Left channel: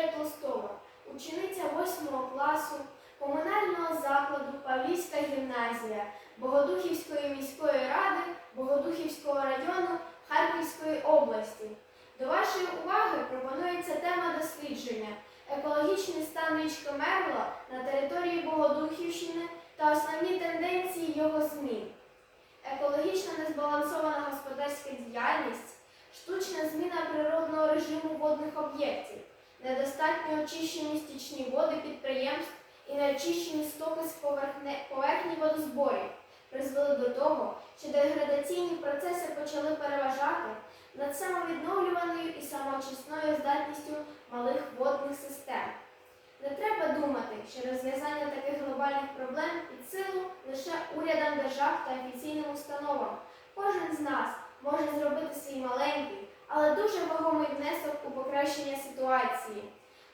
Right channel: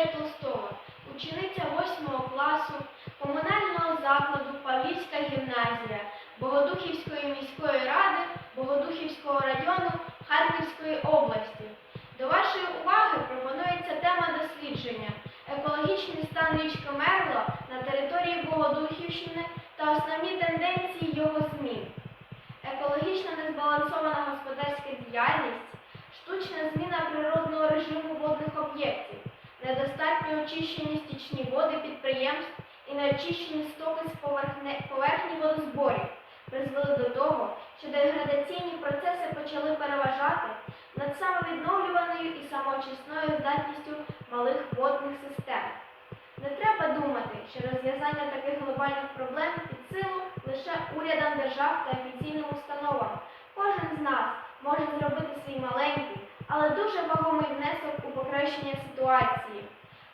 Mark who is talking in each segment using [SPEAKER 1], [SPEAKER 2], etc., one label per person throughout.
[SPEAKER 1] Юрія Толстого, учениця 8 класу комунального закладу Павлівська гімназія Богодухівської міської ради Богодухівського району Харківської області. До вашої уваги пропонується тема дослідження екологічний стан річки Мерло на території Богодухівщини та основні тенденції його змін. Екологічно незбалансована господарська діяльність, штучна зміна природного режиму водних об'єктів, недостатньо очищені стічні води підприємств і неочищені стоки з поверхні водозборів призвели до того, що деградаційні процеси почали переважати над самовідновлюваною і самоочисною здатністю малих водних систем. Не треба думати, що розв'язання таких глобальних проблем під силу лише урядам держав та офіційним установам. Кожен з нас може зробити свій маленький, але дуже вагомий внесок у покращення ситуації.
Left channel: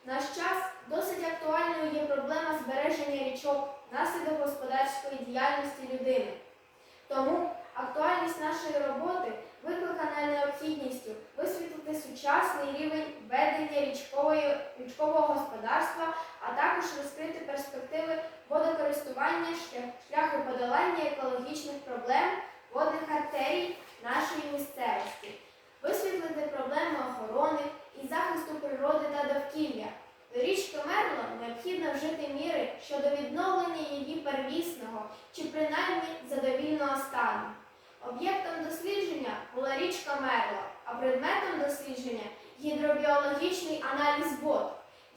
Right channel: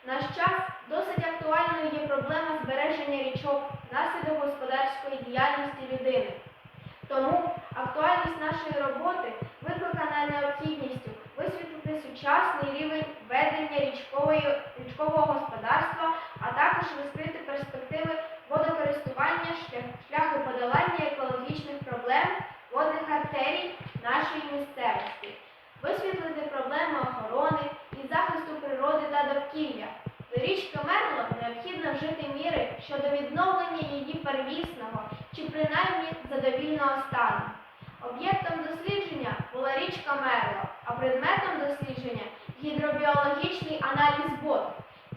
[SPEAKER 1] Наш час досить актуальною є проблема збереження річок внаслідок господарської діяльності людини. Тому актуальність нашої роботи викликана необхідністю висвітлити сучасний рівень ведення річкової, річкового господарства, а також розкрити перспективи водокористування, шлях, шляхи подолання екологічних проблем водних артерій нашої місцевості, висвітлити проблеми охорони і захисту природи та довкілля. До річки Мерло необхідно вжити міри щодо відновлення її первісного чи принаймні задовільного стану. Об'єктом дослідження була річка Мерло, а предметом дослідження гідробіологічний аналіз вод,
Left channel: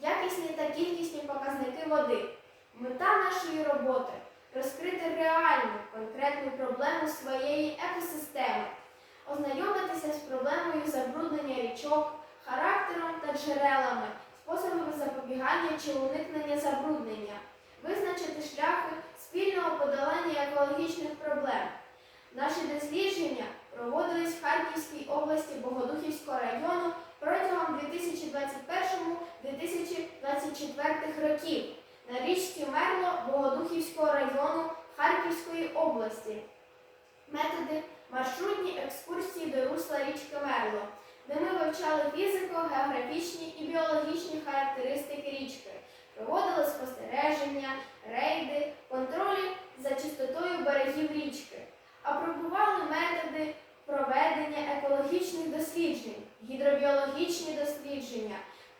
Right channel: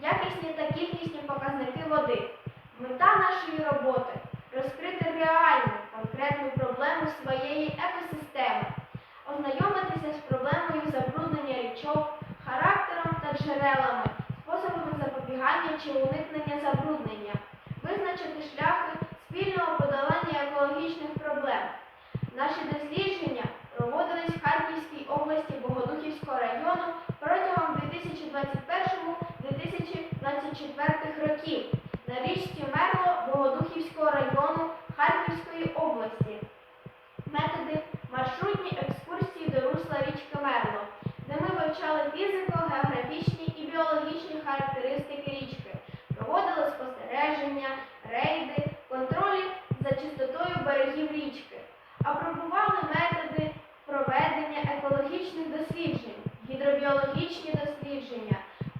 [SPEAKER 1] якісні та кількісні показники води. Мета нашої роботи розкрити реальну конкретну проблему своєї екосистеми, ознайомитися з проблемою забруднення річок, характером та джерелами, способами запобігання чи уникнення забруднення, визначити шляхи спільного подолання екологічних проблем. Наші дослідження проводились в Харківській області Богодухівського району протягом 2021-2024 років на річці Мерло Богодухівського району Харківської області. Методи маршрутні екскурсії до русла річки Мерло, де ми вивчали фізико, географічні і біологічні характеристики річки, проводили спостереження, рейди, контролі за чистотою берегів річки, апробували методи проведення екологічних досліджень, гідробіологічні дослідження,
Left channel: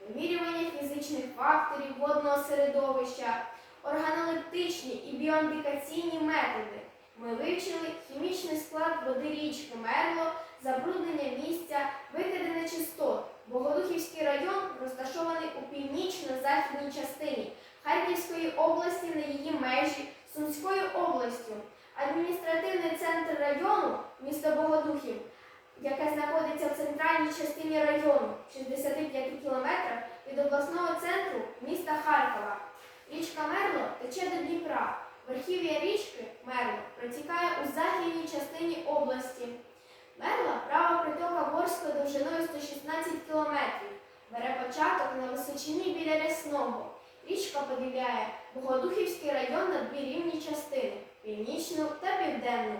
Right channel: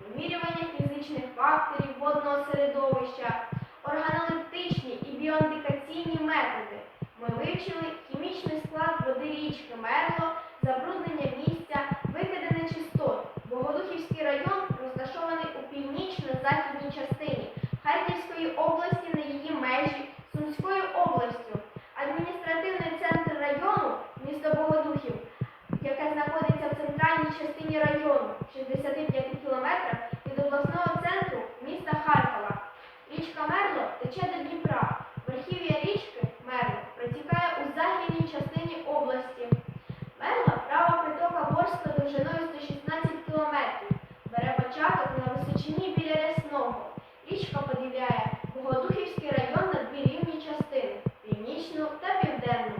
[SPEAKER 1] вимірювання фізичних факторів водного середовища, органолептичні і біоіндикаційні методи. Ми вивчили хімічний склад води річки Мерло, забруднення місця, викиди нечистот. Богодухівський район розташований у північно-західній частині Харківської області на її межі Сумською областю. Адміністративний центр району, місто Богодухів, яке знаходиться в центральній частині району, 65 кілометрах від обласного центру міста Харкова. Річка Мерло тече до Дніпра. Верхів'я річки Мерло протікає у західній частині області. Мерла права притока Ворська довжиною 116 кілометрів. Бере початок на височині біля Рясного. Річка поділяє Богодухівський район на дві рівні частини північну та південну.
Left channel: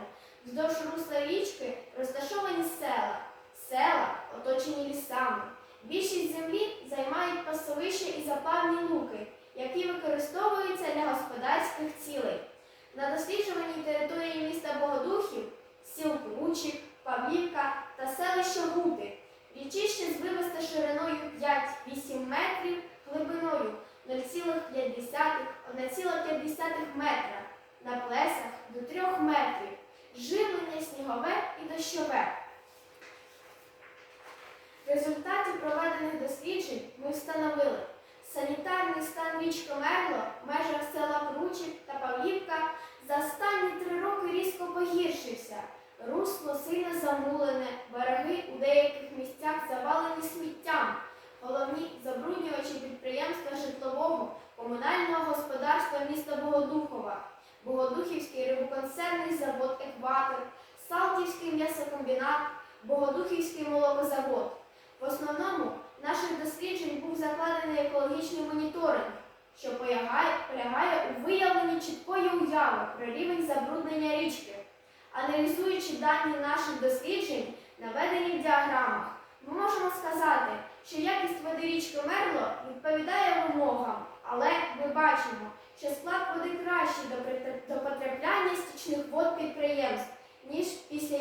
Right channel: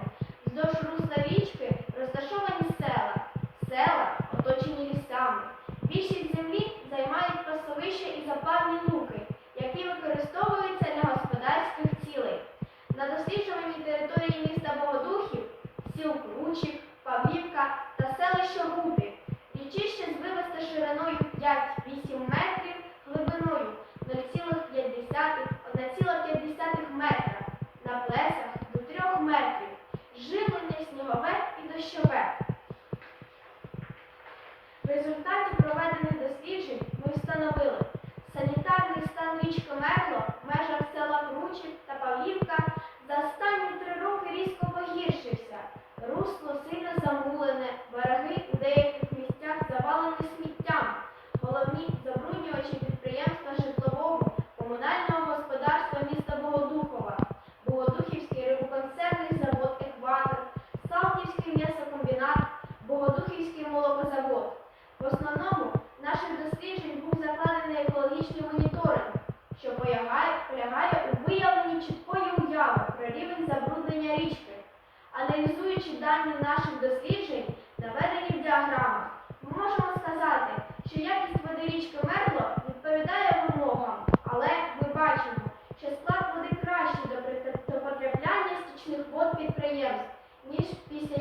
[SPEAKER 1] Вздовж русла річки розташовані села. Села оточені лісами. Більшість землі займають пасовища і заплавні луки, які використовуються для господарських цілей. На досліджуваній території міста Богодухів, Кручик, Павлівка та селище Рупі. Річище звивисте шириною 5-8 метрів, глибиною 0,5-1,5 метра, на плесах до 3 метрів, живлення снігове і дощове. В результаті проведених досліджень ми встановили санітарний стан річки Мерло в межах села Кручик та Павлівка за останні три роки різко погіршився. Русло сильно замулене, береги у деяких місцях завалені сміттям. Головні забруднювачі підприємства житлового комунального господарства міста Богодухова, Богодухівський рибоконсервний завод Екватор, Салтівський м'ясокомбінат, Богодухівський молокозавод. В основному наших досліджень був закладений екологічний моніторинг, що полягає, у виявленні чіткої уяви про рівень забруднення річки. Аналізуючи дані наших досліджень, наведені в діаграмах, ми можемо сказати, що якість води річки Мерло відповідає вимогам, але ми бачимо, що склад води кращий до потрапляння стічних вод підприємств, ніж після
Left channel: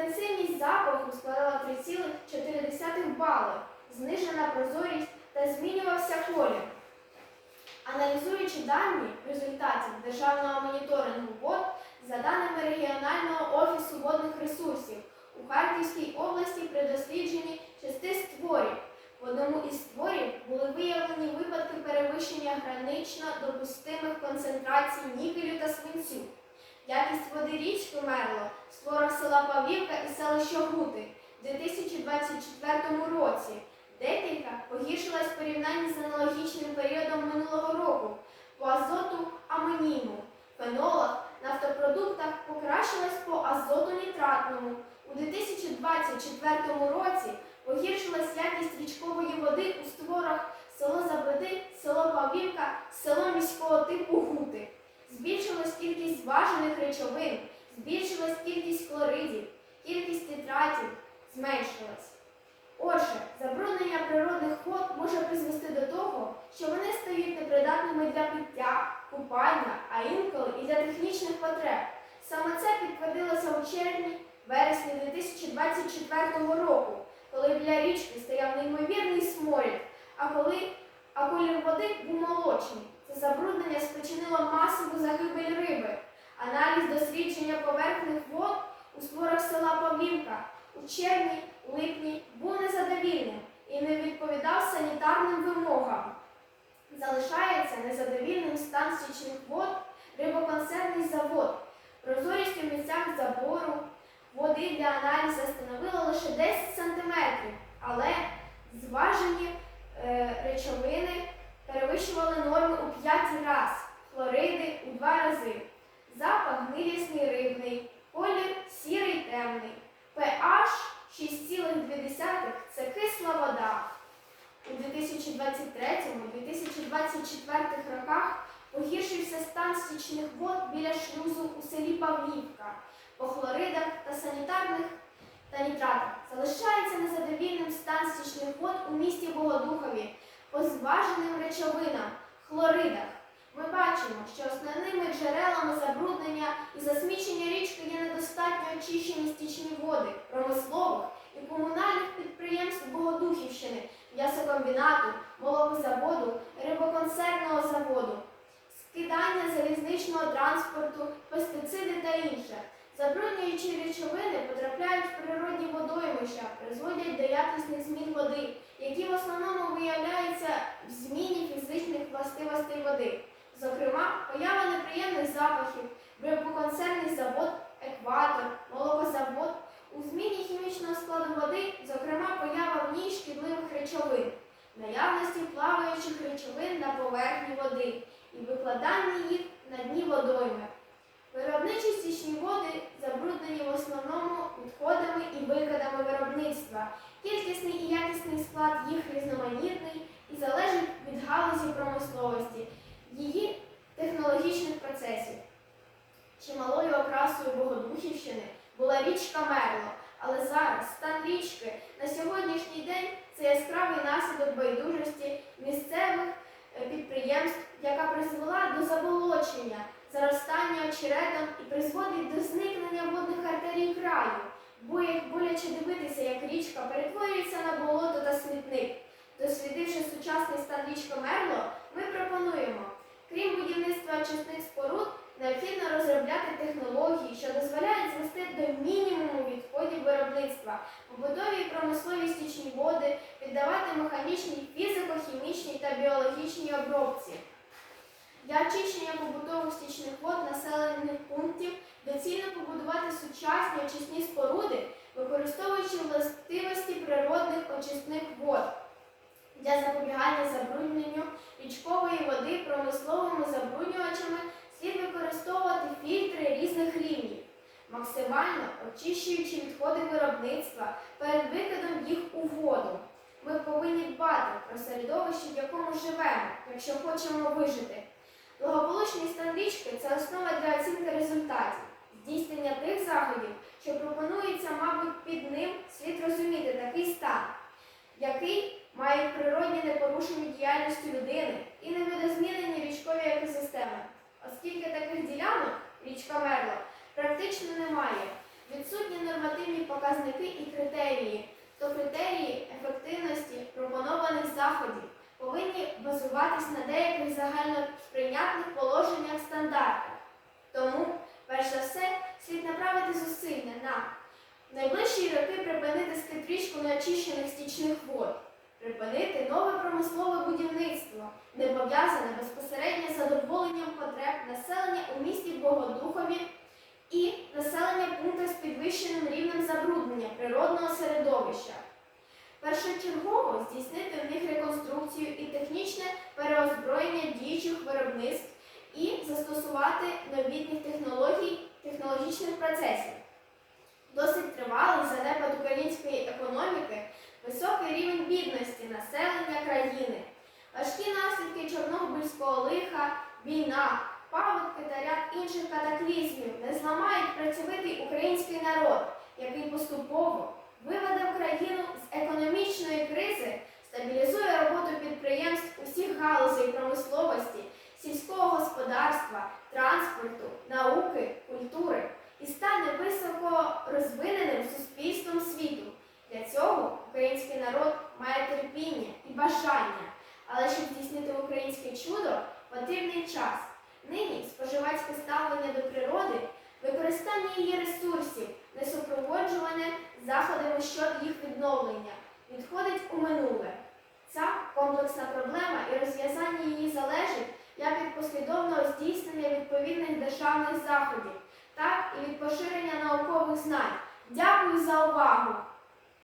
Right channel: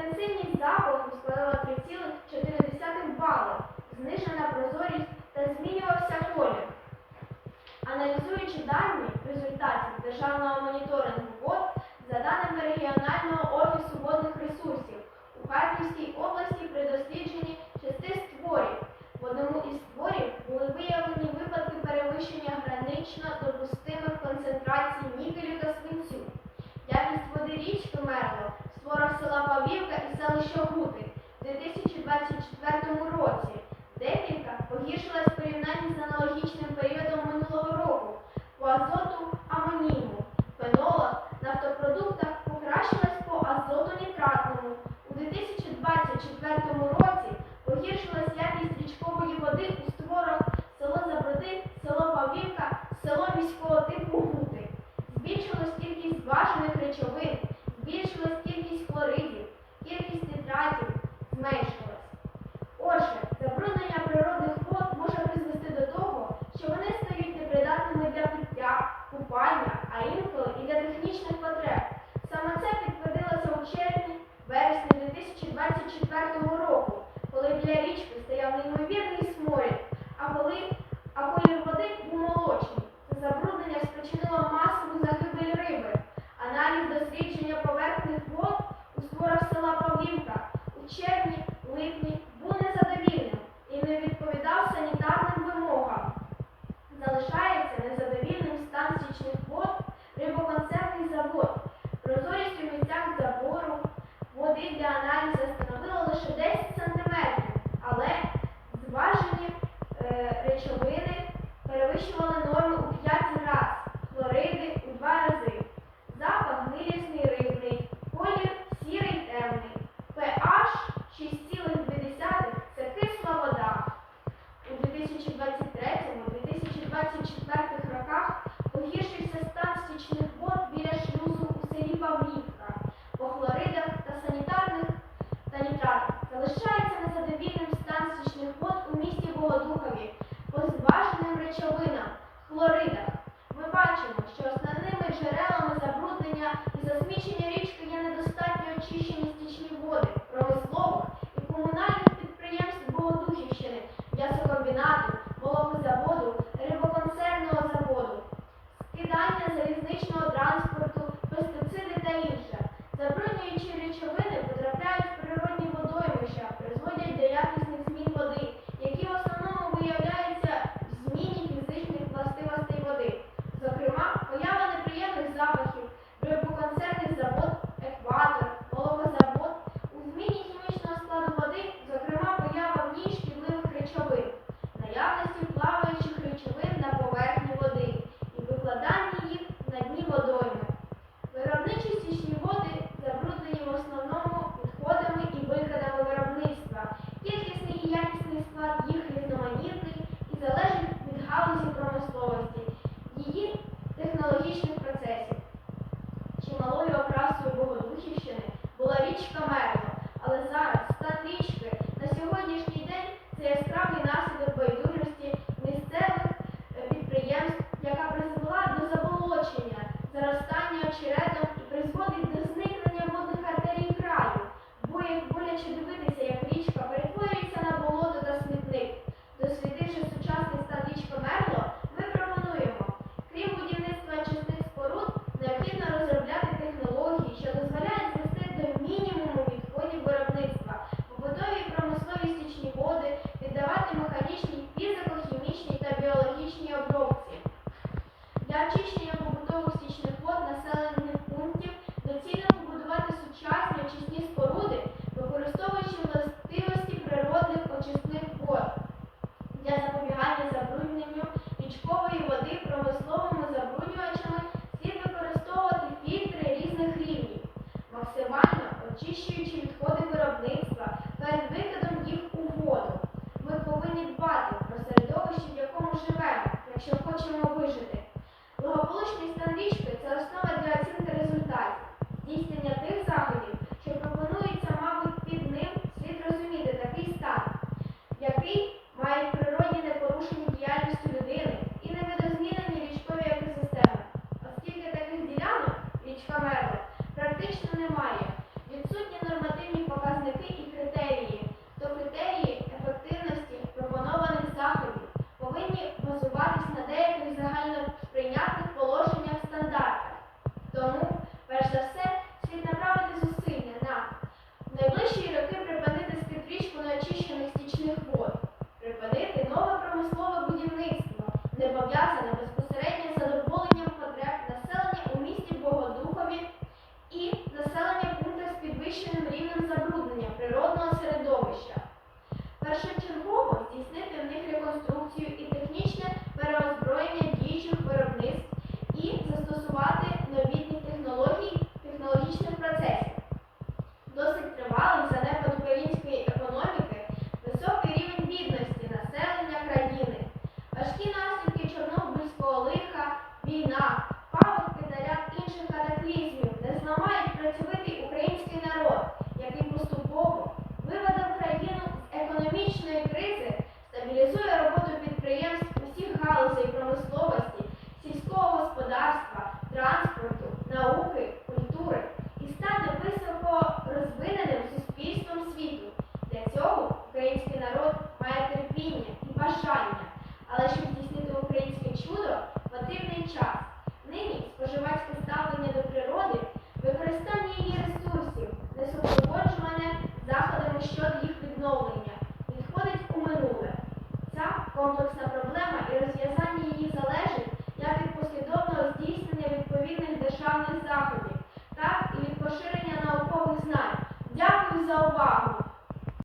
[SPEAKER 1] Інтенсивність запаху складала 3,4 бали, знижена прозорість та змінювався колір. Аналізуючи дані результатів державного моніторингу вод за даними регіонального офісу водних ресурсів у Харківській області при дослідженні шести створів. В одному із створів були виявлені випадки перевищення гранично допустимих концентрацій нікелю та свинцю. Якість води річки Мерло в створах села Павлівка і селища Гути в 2024 році декілька погіршилась в порівнянні з аналогічним періодом минулого року по азоту амоніму, фенолах, нафтопродуктах покращилась по азоту нітратному. У 2024 році погіршилась якість річкової води у створах село Заброди, село Павлівка, село міського типу Гути. Збільшилась кількість зважених речовин, збільшилась кількість хлоридів, кількість нітратів зменшилась. Отже, забруднення природних вод може призвести до того, що вони стають непридатними для пиття, купання, а інколи і для технічних потреб. Саме це підтвердилося у червні вересні 2024 року, коли біля річки стояв неймовірний сморід, а коли а колір води був молочний. Це забруднення спричинило масову загибель риби. Аналіз дослідження поверхних вод у створах села Павлівка у червні, липні був незадовільним і не відповідав санітарним вимогам. Залишається незадовільним стан стічних вод, рибоконсервний завод. Прозорість у місцях забору води для аналізу становила лише 10 см, але зважені е, речовини перевищували норми у 5 разів, хлориди у 2 рази. Запах гнилісний рибний, колір сірий темний, pH 6,2 це кисла вода. У 2023-2024 роках погіршився стан стічних вод біля шлюзу у селі Павлівка. По хлоридах та санітарних та нітратах залишається незадовільним стан стічних вод у місті Богодухові по зваженим речовинам хлоридах. Ми бачимо, що основними джерелами забруднення і засмічення річки є недостатньо очищені стічні води промислових і комунальних підприємств Богодухівщини, м'ясокомбінату, молокозаводу, рибоконсервного заводу, скидання залізничного транспорту, пестициди та інше. Забруднюючі речовини потрапляють в природні водоймища, призводять до якісних змін води, які в основному виявляються в зміні фізичних властивостей води. Зокрема, поява неприємних запахів, рибоконсервний завод, екватор, молокозавод, у зміні хімічного складу води, зокрема, поява в ній шкідливих речовин, наявності плаваючих речовин на поверхні води і викладання їх на дні водойми. Виробничі стічні води забруднені в основному відходами і викидами виробництва. Кількісний і якісний склад їх різноманітний і залежить від галузі промисловості, її технологічних процесів. Чималою окрасою Богодухівщини була річка Мерло, але зараз стан річки на сьогоднішній день це яскравий наслідок байдужості місцевих е, підприємств, яка призвела до заболочення, заростання очеретом і призводить до зникнення водних артерій краю. Боє- Боляче дивитися, як річка перетворюється на болото та смітник. Дослідивши сучасний стан річки Мерло, ми пропонуємо, крім будівництва очисних споруд, необхідно розробляти технології, що дозволяють звести до мінімуму відходів виробництва, побутові і промислові стічні води, віддавати механічній фізико-хімічній та біологічній обробці. забруднювачами слід використовувати фільтри різних рівнів, максимально очищуючи відходи виробництва перед викидом їх у воду. Ми повинні дбати про середовище, в якому живемо, якщо хочемо вижити. Благополучні стан це основа для оцінки результатів. Здійснення тих заходів, що пропонується, мабуть, під ним слід розуміти такий стан, який